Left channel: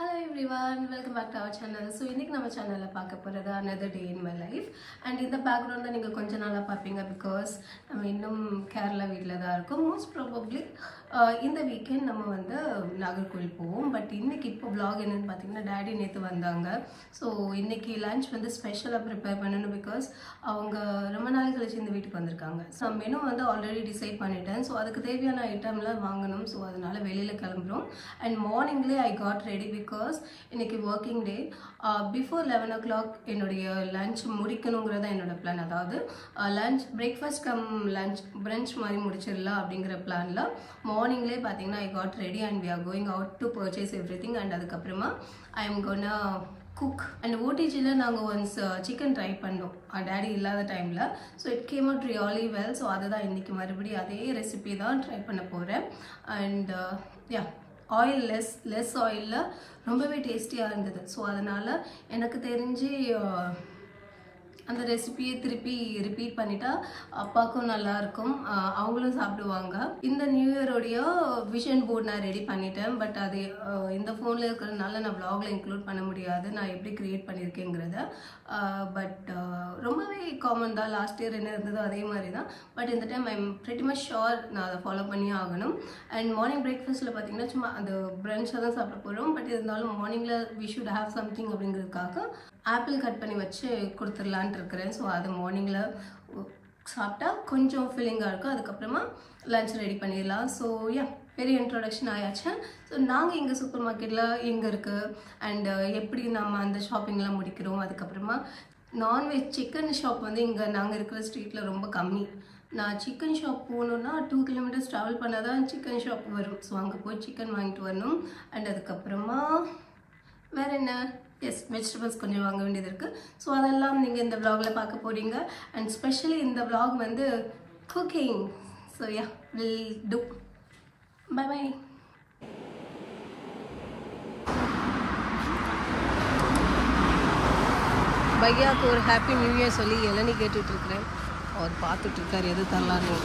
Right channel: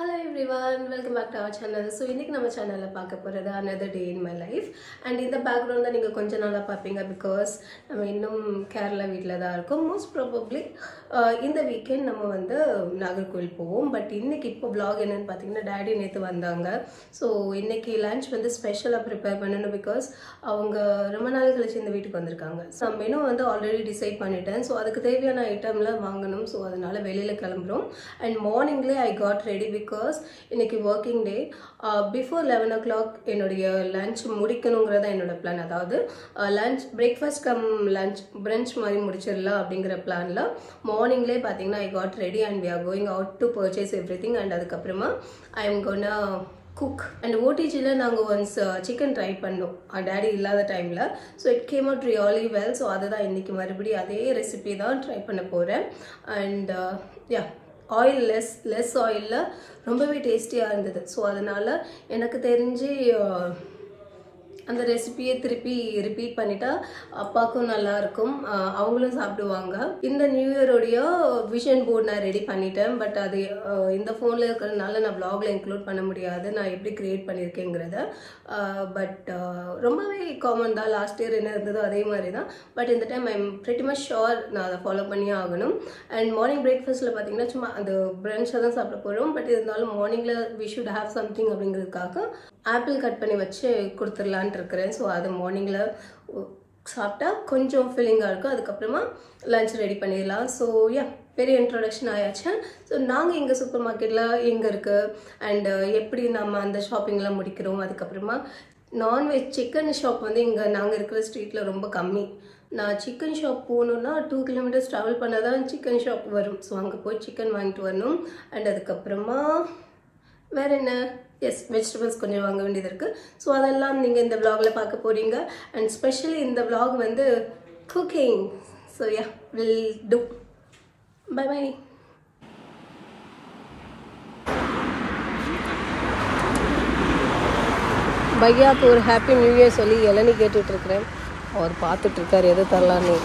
Hello everyone, welcome back to our channel. So இன்னைக்கு நம்ம சேனல்ல பார்க்க போறது another day in my life and இந்த பேக்ரவுண்ட் தான் நீங்க கொஞ்ச நாளா பாப்பீங்க because நம்ம இன்னும் கேரளா வீட்ல தான் இருக்கோம். most probably இந்த வீக்கெண்ட் நம்ம வந்து நாகர்கோவில் போவோம். பட் இன்னைக்கு இப்போ vlog என்னன்னு பாத்தீங்கன்னா டாடி நேத்து வந்தாங்க. ஸோ இன்னைக்கு லஞ்ச் வந்து ஸ்பெஷலா ப்ரிப்பேர் பண்ணணும் because அவங்க ரொம்ப நாள் கழிச்சு இந்த வீட்டுக்கு வந்திருக்காங்க. ஸோ மெனு வந்து ஆல்ரெடி டிசைட் பண்ணிட்டேன். ஸோ அதுக்கு தேவையான ஐட்டம்லாம் வாங்கணும். ஸோ அதனால வெளியில கிளம்புறோம் and morningly I got ready because இன்னைக்கு working day before 11 o'clock என்னுடைய லஞ்ச் முடிக்கணுங்கிறத என்னோட பிளான். அதாவது lunch breakfast cum lunch brunch மாதிரி முடிச்சிடலாம் அப்படிங்கிற பிளான்ல மார்னிங்லேயே பார்த்தீங்கன்னா I got ready and we are going out to purchase everything and அதுக்கப்புறமா I am gonna cook and OTGல நாங்கள் ஒன்ஸ் சிக்கன் ட்ரை பண்ணோம் டேடி இல்லாத டைமில். So it came out really well. So அதை தான் இன்றைக்கி மறுபடியும் அதே ரெசிபி தான் ட்ரை பண்ண போகிறேன். அண்ட் யா ஆயில் லெஸ் ஆயிலில் ரொம்பவே டேஸ்டியாக இருந்தது. ஸோ அதனால் எனக்கு தெரிஞ்சு அந்த ரெசிபியை திருப்பி ரிப்பீட் பண்ணிட்டா அப்பாவுக்கும் நல்லா இருக்கும், அவங்களும் சாப்பிடுவாங்க. இந்த நியூ இயரோடைய விஷன் போர்டு நான் ரெடி பண்ணிட்டேன். பட் அது இந்த ஃபோனில் இருக்கிறதுனால நான் vlogல இன்க்ளூட் பண்ண முடியாது நான் எப்படி கிரியேட் பண்ணியிருக்கேங்கிறத. பட் ரொம்பவே காமன் தான், லாஸ்ட் இயர் என்ன இருந்ததோ அதே மாதிரி தான். பட் இந்த time I am pretty much sure நான் அதை ஃபாலோ பண்ணியே ஆகணும். அண்ட் மார்னிங் பிரேக்ஃபாஸ்ட்டில் பார்த்தீங்கன்னா சும்மா அந்த பிரன்ச்சாக தான் சாப்பிட போகிறோம். பட் இருந்தாலும் மார்னிங்கில் வி ஷுட் ஹேவ் சம்திங் அப்படிங்கிறதுக்காக ஆப்பிள் கட் பண்ணி வச்சு கொடுத்துடலான்ட்டு இருக்கிறேன். ஸோ அது மார்னிங்கில் சாப்பிட்டா கொஞ்சம் ஃபீலிங்காக இருக்கும். அதுக்கப்புறமா லஞ்ச் ரெடி பண்ணிடலாம். ஸோ யா பெரிய இன்ட்ரொடக்ஷன் ஆயாச்சு. ஸோ நாங்கள் எங்கள் சூப்பர் மார்க்கெட்டில் எங்கே இருக்குது அண்டு எப்படி நம்ம அந்த ஷாப்பிங்லாம் முடிக்கிறோம். அதுக்கப்புறமா நான்வெஜ் சிக்கன் ஷாப் வந்து இங்கே நாங்கள் இருக்கிற ஸ்ட்ரீட்டில் ரொம்ப கம்மி. நான் சிக்கன் ஷாப் போகணுன்னா 2 கிலோமீட்டர்ஸ் ட்ராவல் பண்ணால் தான் சிக்கன் ஷாப் வரும். ஸோ அங்கே போய் சிக்கன் வாங்கிட்டு வரணும். அண்ட் அதுக்கப்புறமா வேறு என்ன, எஸ் வெஜிடபிள்ஸ் கொஞ்சம் வாங்க வேண்டியது இருக்குது. ஸோ அதெல்லாம் நீங்கள் இந்த vlogல பார்க்க போகிறீங்க. அண்ட் ஸ்பெஷலி இந்த vlog வந்து cooking. So yeah will do. Bye bye. பையாவுக்கு ஒரு ஹாப்பி நியூ இயர் சொல்லி இளநீ கேட்டுட்ருக்கிறேன். அவர் பார்த்துட்ருக்கார் எது தரலான்னு.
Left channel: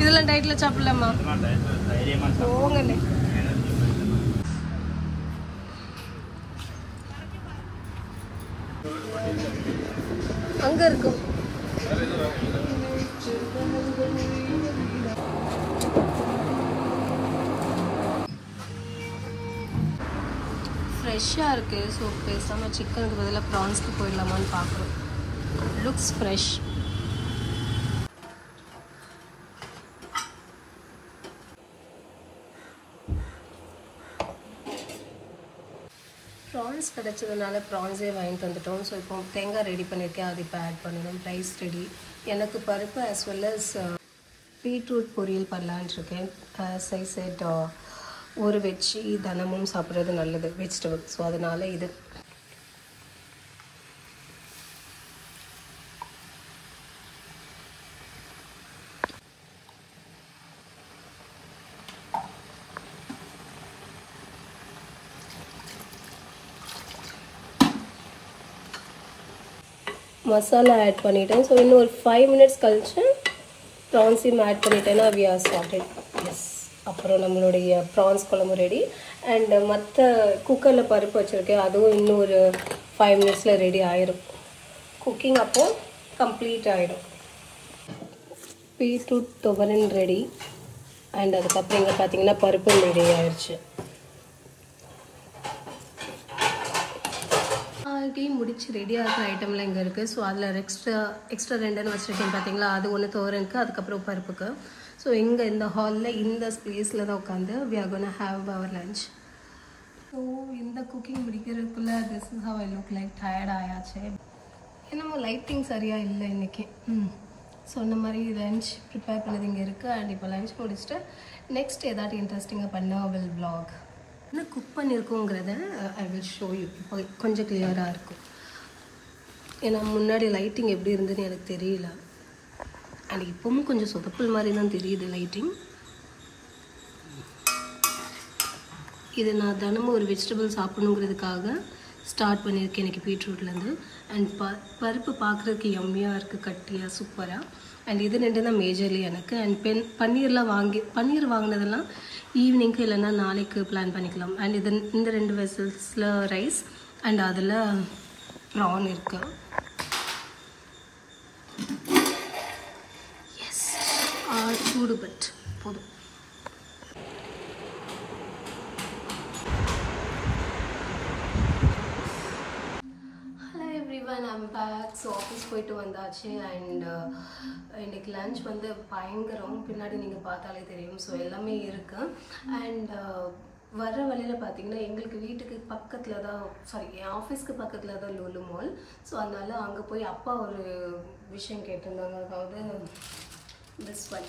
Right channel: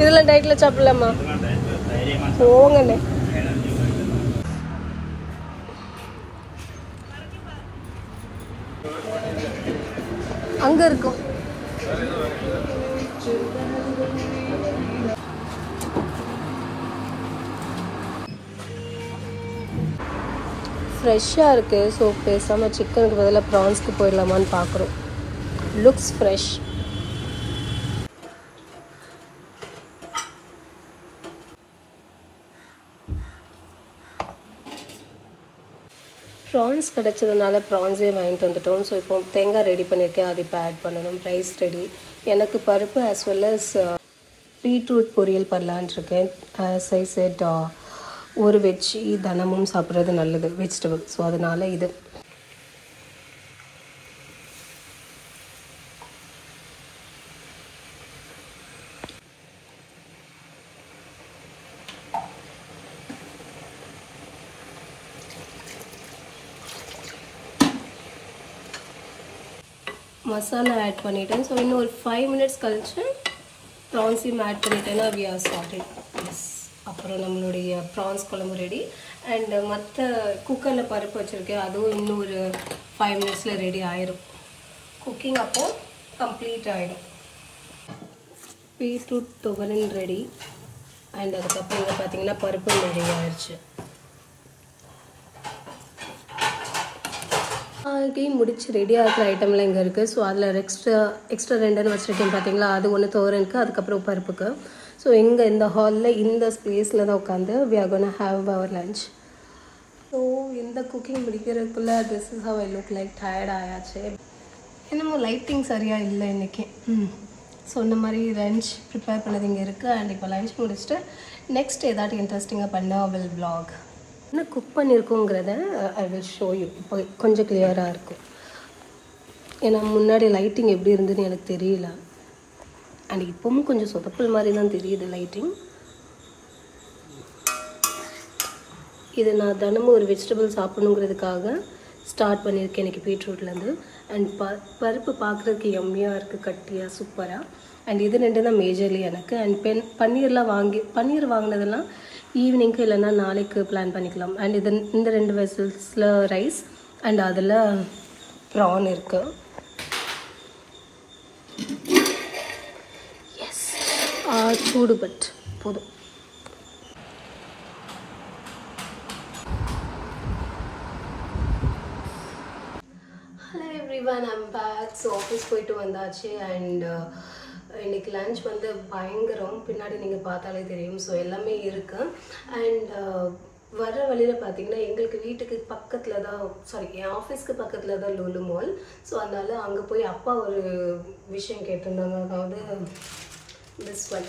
இதெல்லாம் டயட்ல சாப்பிடலாமா? போங்கண்ணே. அங்க இருக்கும். ஃப்ரெஷ்ஷாக இருக்கு. ஸோ பேசாமல் சிக்கனுக்கு பதிலாக ப்ரான்ஸ்க்கு போயிடலாமான்னு பார்க்குறோம். Looks fresh. ப்ரான்ஸ் கிடச்சதுனால ப்ரான்ஸே வாங்கிட்டு வந்துட்டோம். ஸோ இப்போ தேங்காய் ரெடி பண்ணியிருக்கேன், அது இப்போ ஆட் பண்ணணும். Rice ready. எனக்கு பருப்பு ஆஸ் வெல் அஸ் பீட்ரூட் பொரியல் பண்ணலான் இருக்கேன். ஆஸ் ஐ செட் ஒரு வெஜ் தினமும் சாப்பிட்றது நல்லது வெஜிடபிள். ஸோ அதனால் இது மசாலா ஆட் பண்ணிட்டேன். ஸோ இன்னும் ஒரு 5 மினிட்ஸ் கழிச்சு ப்ரான்ஸையும் ஆட் பண்ணிட்டேன்னா வி ஆர் சார்டட். எஸ், அப்புறம் நம்மளுடைய ப்ரான்ஸ் குழம்பு ரெடி. அண்ட் மற்ற குக்கரில் பருப்பு வச்சுருக்கேன், அதுவும் இன்னும் ஒரு 5 மினிட்ஸில் ரெடி ஆயிரும். குக்கிங் அப்போ கம்ப்ளீட் ஆகிடும். Beetroot துவரன் ready. அண்ட் அதுக்கப்புறம் இங்கே பார்த்தீங்கன்னா பருப்பு ரெடி ஆயிடுச்சு. ஆல்ரெடி முடிச்சு ரெடியாக இருக்கிற ஐட்டம்லாம் இங்கே இருக்குது. ஸோ அதில் எக்ஸ்ட்ரா 2 வச்சுருக்கேன் பார்த்தீங்களா, அது ஒன்று துவரனுக்கு, அதுக்கப்புறம் பருப்புக்கு. ஸோ இங்கே இந்த ஹாலில் இந்த ஸ்பேஸில் தான் உட்காந்து we are gonna have our lunch. So இந்த குக்கிங் முடிக்கிறதுக்குள்ளே this is how I look like. Tired ஆயாச்சு. என்னமோ லைட்டிங் சரியாக இல்லை இன்றைக்கி. சொன்ன மாதிரி லஞ்ச் ப்ரிப்பேர் பண்ணது இங்கே இருக்குது. அண்ட் இப்போ லஞ்ச் முடிச்சுட்டு நெக்ஸ்ட் ஏதாட்டும் இன்ட்ரெஸ்டிங்காக பண்ணால் வில் vlog. என்ன குக் பண்ணியிருக்கோங்கிறத ஐ வில் ஷோ யூ. இப்போ கொஞ்சம் கிளியராக இருக்கும். ஏன்னா முன்னாடி லைட்டிங் எப்படி இருந்ததுன்னு எனக்கு தெரியல. அண்ட் இப்போவும் கொஞ்சம் சொதப்பல் மாதிரி தான் தெரியுது லைட்டிங். இது நான் தினமும் ஒரு வெஜிடபிள் சாப்பிடணுங்கிறதுக்காக ஸ்டார்ட் பண்ணியிருக்கேன் எனக்கு பீட்ரூட்லேருந்து. அண்ட் பருப்பு பார்க்குறதுக்கு எம்மியாக இருக்குது, கட்டியாக, சூப்பராக. அண்ட் இது 2 தான் மேஜர்லி எனக்கு. அண்ட் பன்னீர் வாங்கினதெல்லாம் ஈவினிங்க்கு இல்லைன்னா நாளைக்கு பிளான் பண்ணிக்கலாம். அண்ட் இந்த 2 வெசல்ஸில் ரைஸ் அண்ட் அதில் ப்ரான் இருக்கு. எஸ், சூடு பட் போதும். I'm back. So office போயிட்டு வந்தாச்சு. அண்ட் இன்னைக்கு லஞ்ச் வந்து பயங்கரம், பின்னாடி நீங்கள் பார்த்தாலே தெரியும். ஸோ எல்லாமே இருக்கு. அண்ட் வர்ற வழியில் பார்த்தீங்கன்னா எங்களுக்கு வீட்டுக்கு பக்கத்தில் தான், என் ஆஃபீஸ்க்கு பக்கத்தில் தான் லூலு மால். ஸோ அதனால அங்கே போய் அப்பா ஒரு விஷயம் கேட்டிருந்தாங்க. அதாவது திஸ் ஒன்,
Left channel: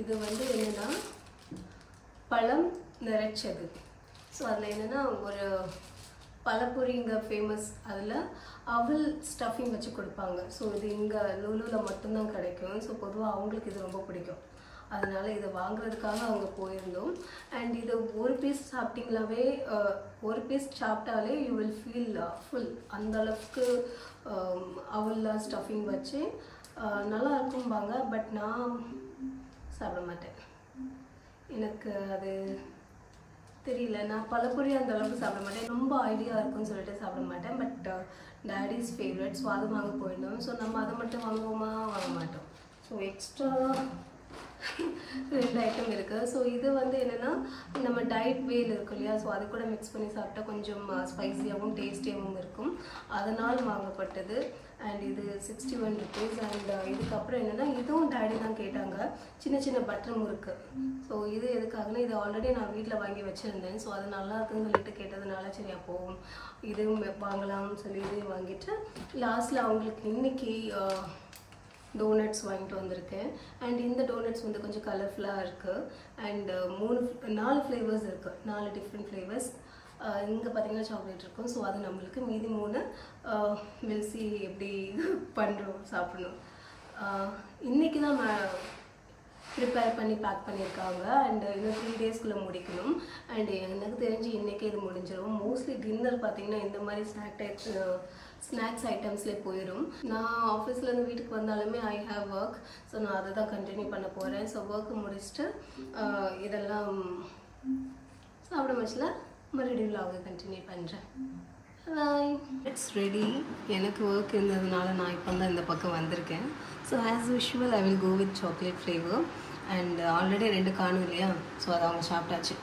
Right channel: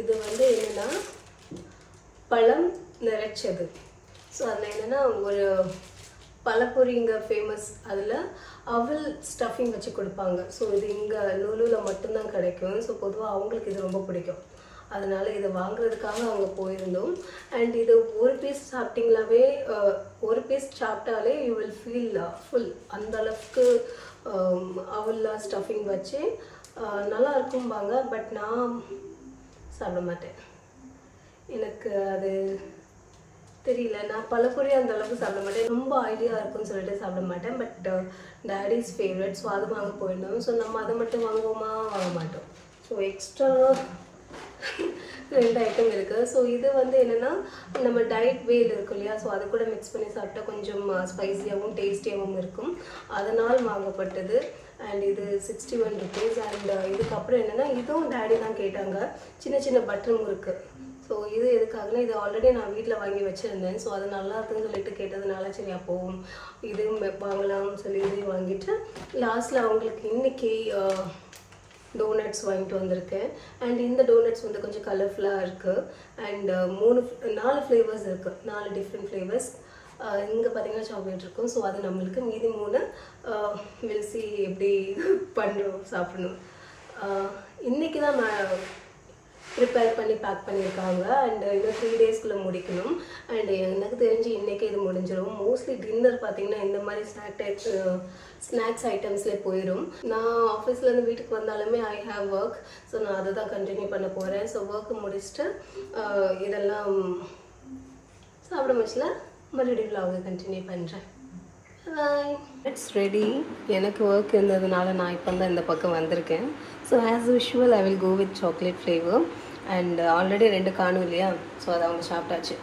இது வந்து என்னென்னா பழம் நிறைச்சது. ஸோ அதில் என்னென்னா ஒரு பழப்பொரி இங்கே ஃபேமஸ், அதில் அவல் ஸ்டஃபிங் வச்சு கொடுப்பாங்க. ஸோ இது இங்கே லூலூவில் மட்டும்தான் கிடைக்கும். ஸோ பொதுவாக அவங்களுக்கு இது ரொம்ப பிடிக்கும். அதனால் இதை வாங்குறதுக்காக அங்கே போயிருந்தோம். அண்ட் இது ஒரு பீஸ் சாப்பிட்டிங்களாவே, ஒரு பீஸ் சாப்பிட்டாலே யூ வில் ஃபீல் ஃபுல். அந்த அளவுக்கு அவல்லாம் ஸ்டஃபிங் வச்சு நல்லா இருக்கும்பாங்க. பட் நான் சாப்பிட மாட்டேன், எனக்கு அது தெரியல. நான் பழப்பொரி அந்த அளவுக்கு சாப்பிட மாட்டேன், ரொம்ப ஐடியா இருக்குன்னு சொல்லிட்டு சாப்பிட மாட்டேன். பட் டேடிஸ் ஃபேவரட், ஸோ அது வாங்க போயிருந்தோம். ஸோ நம்ம அதை மட்டும் வாங்குவோமா, வாங்க மாட்டோம். ஸோ எக்ஸ்ட்ரா 2 ஐட்டம் இருக்குது. ஸோ இது வந்து என்னென்னா நம்ம டயட் வேல் இருக்கும் இல்லையா, ஸோ அது கூட மிக்ஸ் பண்ணி சாப்பிட்டா கொஞ்சம் ஸ்பைஸியாகவும் டேஸ்டியாகவும் இருக்கும், அதனால் வாங்கப்பட்டது. அண்ட் இது 61 rupees. அண்ட் இதுக்கப்புறம் என்னென்னா இதுவும் டேடி தான் கேட்டாங்க, சின்ன சின்ன பட்டர் முறுக்கு. ஸோ இது எதுக்காகனா இது ஆல்ரெடி நான் வீட்டில் வாங்கி வச்சுருந்தேன். ஸோ அது நல்லா இருக்குன்னு சொல்லிட்டு கேட்டதுனால சரி அப்போவும் இதுவும் வாங்கலாம்னு சொல்லி இதையும் வாங்கிட்டு லாஸ்ட்டில் அவங்களுக்கு இன்றைக்கி டோனட்ஸ் வாங்கிட்டு வந்திருக்கேன். அண்ட் இந்த டோனட்ஸ் வந்து கொஞ்சம் கலர்ஃபுல்லாக இருக்குது. அண்ட் 4 ஃப்ளேவர்ஸ் இருக்குது, 4 டிஃப்ரெண்ட் ஃப்ளேவர்ஸ். இங்கே பார்த்தீங்கன்னா சாக்லேட் இருக்கும். ஸோ அது நம்மளுக்கு மீதி 3 வில்சி எப்படி பண்ணுறோம் சாப்பிடணும். இன்றைக்கி தான் ப்ரிப்பேர் பண்ணி பேக் பண்ணியிருக்காங்க. அண்ட் இன்னும் 3 daysக்குள்ளே முடிக்கணும். அண்ட் எனக்கு தெரிஞ்சு இன்றைக்கே இது முடிஞ்சிடும். மோஸ்ட்லி டின்னர் பார்த்தீங்கன்னா இந்த மாதிரி ஸ்நாக்ஸ் ஐட்டம்ஸ்லேயே போயிடும். நான் ஆஃபீஸ்லேருந்து வீட்டுக்கு வந்தாலுமே ஐ ஹாவ் ஒர்க். ஸோ நான் அதை தான் கண்டினியூ பண்ண போகிறேன். ஸோ ஒர்க்கு முடிச்சுட்டு இதெல்லாம் சாப்பிட முடிச்சல மறுபடியும் vlog கண்டினியூ பண்ணுறேன். பாய். It's ready. எனக்கு ஒர்க் இருந்ததுனால நான் இப்போ தான் இந்த பக்கம் வந்திருக்கேன். So as usual I will go with chocolate flavour. And already 2 காணும் இல்லையா, ஸோ அதை அவங்க சாப்பிட்டாச்சு.